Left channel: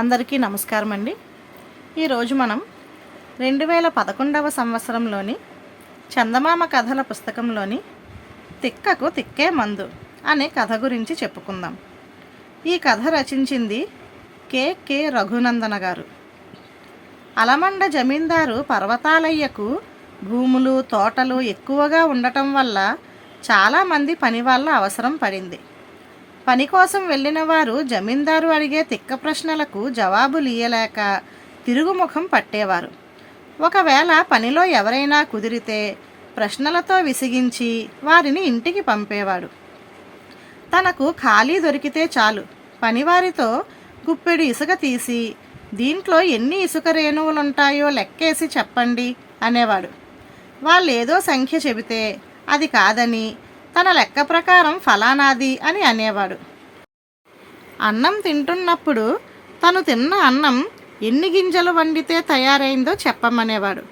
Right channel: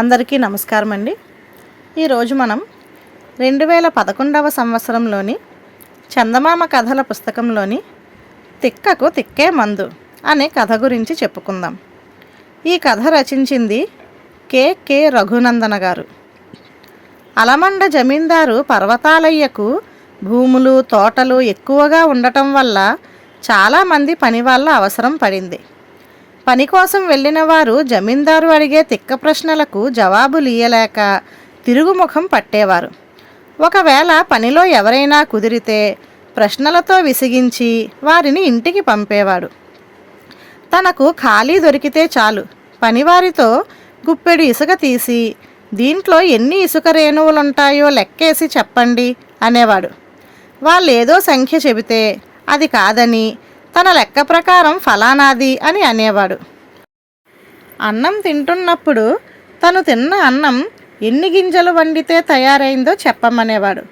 అందరికీ నమస్కారం అండి. ఈరోజు మనం 2011వ సంవత్సరంలోని చందమామ కథల పుస్తకంలోని తిక్కకు తిక్కే మందు అనే కథ గురించి చెప్పుకుందాం. ఈ కథ రచించింది కె రఘునందన గారు. అలమండ జమీందారు పర్వతాలయ్యకు భూములు తోటలు ఎక్కువగా ఉండటం వల్ల చాలామంది పని వాళ్ళ అవసరం పడింది. పని కోసం వెళ్ళిన వారు జమీందారు అడిగే తిక్క ప్రశ్నలకు జవాబులు ఇయ్యలేక తిరుగుముఖం పట్టేవారు. ఒకవేళ పనిలో ఎవరైనా కుదిరితే ప్రశ్నలతో విసిగించి వారిని ఇంటికి పంపేవాడు. తనకు ఖాళీ దొరికితే చాలు పనివారితో గుప్పెడు ఇసుక తీసి దీంట్లో ఎన్ని ఇసుక రేణువులుంటాయో లెక్కేసి చెప్పండి అనేవాడు. వాళ్ళేదో సంఖ్య చెబితే అది కాదని తన లెక్క ప్రకారం ఫలానాది అని అనేవాడు. అన్నం తింటున్నప్పుడు తను తిన్న అన్నం ఎన్ని గింజలు వండితే తయారైందో చెప్పమనేవాడు.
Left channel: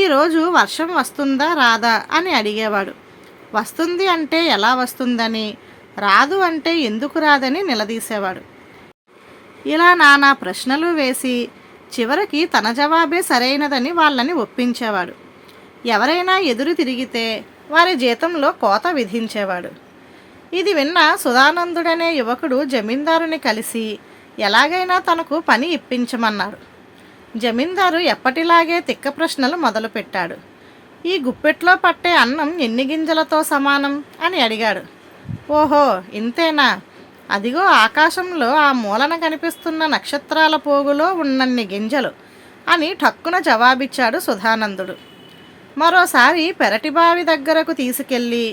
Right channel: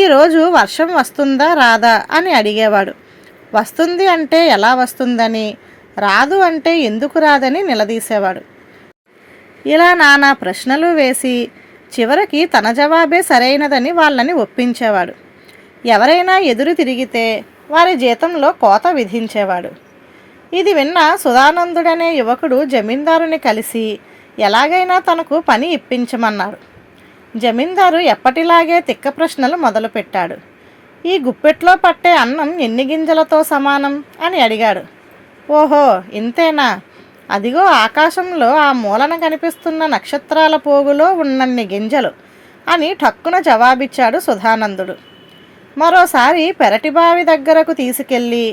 ఈరోజు వర్షం వస్తుందా రాదా అని అడిగేవాడు. వస్తుంది అంటే ఎలా వస్తుందని, రాదు అంటే ఎందుకు రాదని నిలదీసేవాడు. ఇలా నానా ప్రశ్నలు వేసి చివరికి తన జవాబే సరైనదని వాళ్ళని ఒప్పించేవాడు. ఎవరైనా ఎదురు తిరిగితే వారి జీతంలో కోత విధించేవాడు. ఇది విన్న సుధానందుడనే యువకుడు జమీందారుని కలిసి ఎలాగైనా తనకు పని ఇప్పించమన్నారు. జమీందారు ఎప్పటిలాగే తిక్క ప్రశ్నలు మొదలుపెట్టాడు. ఈ గుప్పెట్లో పట్టే అన్నం ఎన్ని గింజలతో సమానం అని అడిగాడు. ఓహో ఇంతేనా, అదిగో ఆకాశంలో ఆ మూలన కనిపిస్తున్న నక్షత్రాల పోగులో ఉన్నన్ని గింజలు అని ఠక్కున జవాబిచ్చాడు సుధానందుడు. మరోసారి పెరటి బావి దగ్గరకు తీసుకెళ్ళి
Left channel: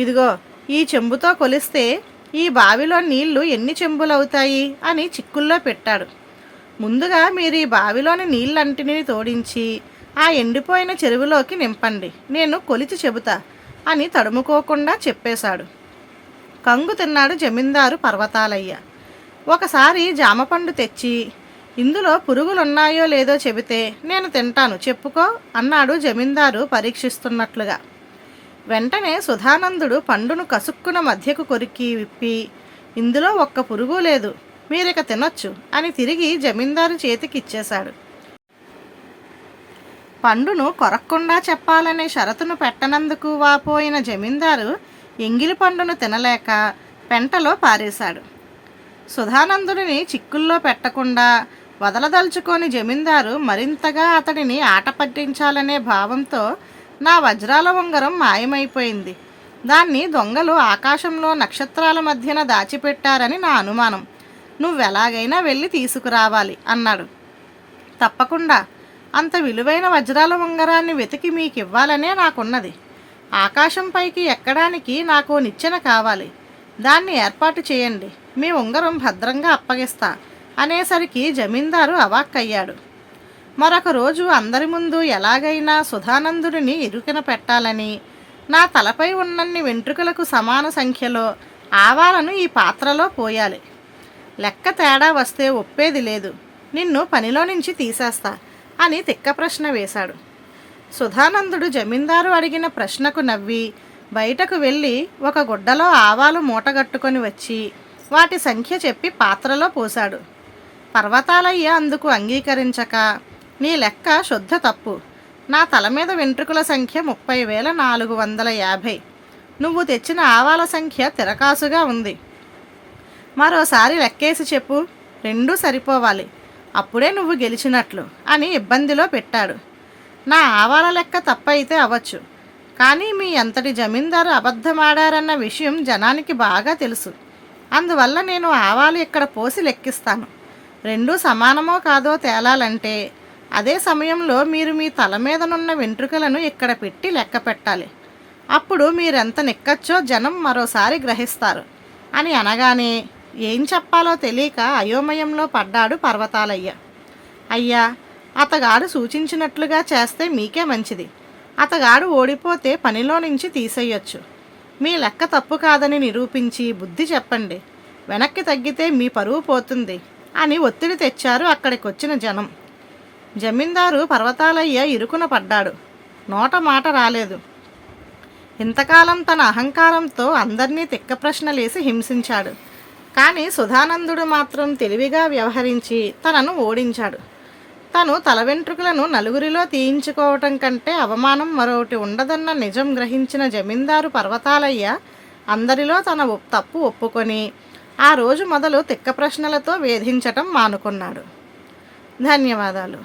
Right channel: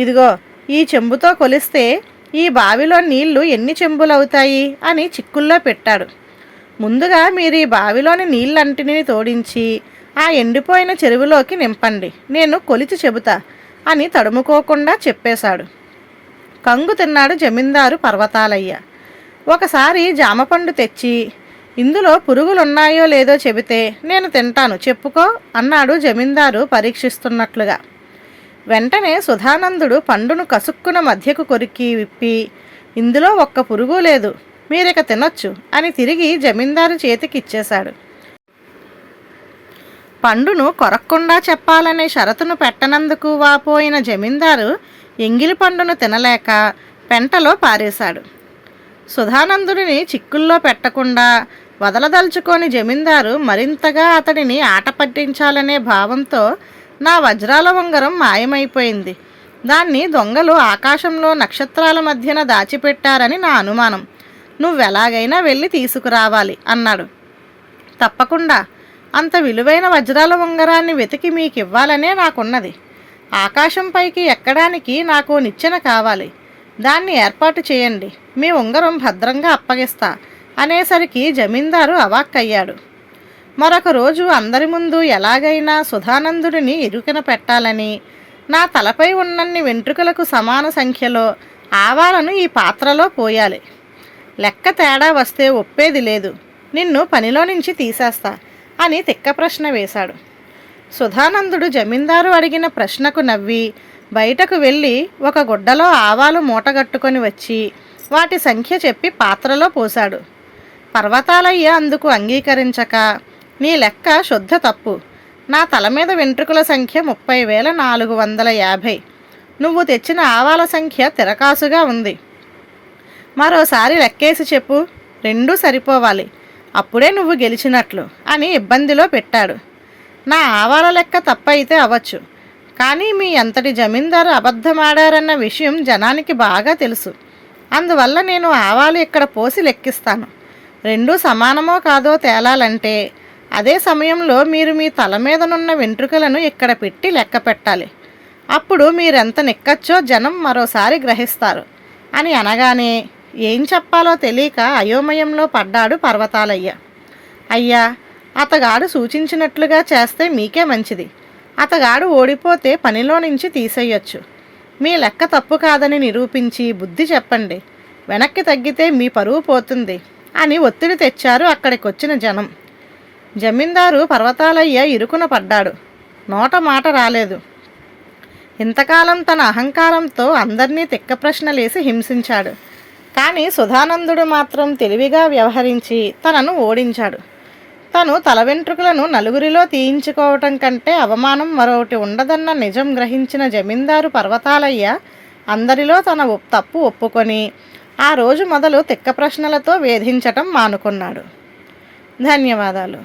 ఇదిగో ఈ చెంబుతో కొలిస్తే ఈ బావిలో నీళ్లు ఎన్ని చెంబులవుతాయి అని చిక్కుల్లో పెట్టాడు. ముందుగా మీరు ఈ బావిలోని నీళ్ళంటిని తోడించి ఆ ఎండిపోయిన చెరువులోకి నింపండి, నేను కొలిచి చెబుతా అని తడుముకోకుండా చెప్పేశాడు. కంగు తిన్నాడు జమీందారు పర్వతాలయ్య. ఒకసారి జామపండు తెచ్చి ఇందులో పురుగులున్నాయో లేదో చెబితే నేను తింటాను చెప్పుకో అన్నాడు జమీందారు పరీక్షిస్తున్నట్లుగా. వెంటనే సుధానందుడు పండును కసుక్కున మధ్యకు కొరికి విప్పి ఇందులో ఒక్క పురుగు లేదు, మీరిక తినొచ్చు అని తిరిగి జమీందారు చేతికి ఇచ్చేశాడు. పండును కొరక్కుండా చెప్పాలనే షరతును పెట్టనందుకు వాపోయిన జమీందారు ఎంగిలి పండును తినలేక పెంటలో పారేశాడు. సుధానందుడిని చిక్కుల్లో పెట్టకుండా వదలదలుచుకొని జమీందారు మరింతగా అతడిని ఆట పట్టించాలనే భావంతో నా వజ్రాల ఉంగరం మాయమైపోయింది, దాన్ని దొంగలు ఆకాశంలో నక్షత్రాల మధ్యన దాచిపెట్టారని నా అనుమానం, నువ్వెలాగైనా వెళ్ళి తీసుకురావాలి అన్నాడు. తప్పకుండా, అంత విలువైన వజ్రాల ఉంగరాన్ని వెతికి మీకు ఇవ్వాలనే నాకున్నది. ఆకాశం పైకి ఎక్కడానికి నాకు నిచ్చెన కావాలి, దాన్ని ఏర్పాటు చేయండి, మీ ఉంగరం భద్రంగా అప్పగిస్తా అనేసరికి జమీందారు అవాక్కయ్యాడు. మరొక రోజు అందరి ముందు ఎలాగైనా సుధానందుడిని ఇరుకిన పెట్టాలని నా తలపై ఉన్నన్ని వెంట్రుకలకు సమాన సంఖ్యలో ఆవాలను ఈ పాత్రలో పోయాలి, లెక్క తేడా వస్తే ఒప్పేది లేదు, నిన్ను పనిలో నుంచి తీసేస్తా అని తిక్క ప్రశ్న వేశాడు. సుధానందుడు జమీందారు అడిగిన ప్రశ్నకు నవ్వి బయటకు వెళ్ళి ఒక గుడ్డలో ఆవాలు మూటగట్టుకొని వచ్చి వాటి సంఖ్య చెప్పి పాత్రలో పోశాడు. పర్వతాలయ్య అందుకు అంగీకరించక నీ లెక్క శుద్ధ తప్పు, నా తల మీద వెంట్రుకల సంఖ్య 30,450, నువ్వు తెచ్చిన ఆవాల సంఖ్య తిరకాసుగా ఉంది, మరోసారి లెక్కేసి చెప్పు, రెండూ సరిపోవాలి, అప్పుడే నువ్వు గెలిచినట్లు అని ఇబ్బందిలో పెట్టాడు. నా ఆవాల లెక్క తప్పైతే అవ్వచ్చు, కానీ మీ అంతటి జమీందారు అబద్ధమాడారన్న విషయం జనానికి బాగా తెలుసు, అందువల్ల నేను ఆవాలు ఇక్కడ పోసి లెక్కిస్తాను, రెండూ సమానమో కాదో తేలాలంటే అదే సమయంలో మీరు మీ తల మీదనున్న వెంట్రుకలను ఇక్కడ పెట్టి లెక్క పెట్టాలి, అప్పుడు మీరెంత నెక్కచ్చో జనం మరోసారి గ్రహిస్తారు అని అనగానే ఏం చెప్పాలో తెలియక అయోమయంలో పడ్డాడు పర్వతాలయ్య. అయ్యా, అతగాడు సూచించినట్లుగా చేస్తే మీకే మంచిది, అతగాడు ఓడిపోతే పనిలో నుంచి తీసేయొచ్చు, మీ లెక్క తప్పు కాదని నిరూపించి బుద్ధి చెప్పండి, వెనక్కి తగ్గితే మీ పరువు పోతుంది అని ఒత్తిడి తెచ్చారు అక్కడికొచ్చిన జనం. జమీందారు పర్వతాలయ్య ఇరుకున పడ్డాడు, నోట మాట రాలేదు. ఇంతకాలం తన అహంకారంతో అందరినీ తిక్క ప్రశ్నలేసి హింసించాడు. కానీ సుధానందుడు మాత్రం తెలివిగా వ్యవహరించి తనను ఓడించాడు. తను తల వెంట్రుకలను నలుగురిలో తీయించుకోవటం కంటే అవమానం మరొకటి ఉండదన్న నిజం గ్రహించిన జమీందారు పర్వతాలయ్య అందరిలో తన తప్పు ఒప్పుకొని ఆ రోజు మొదలు తిక్క ప్రశ్నలతో వేధించటం మానుకున్నాడు. ధన్యవాదాలు.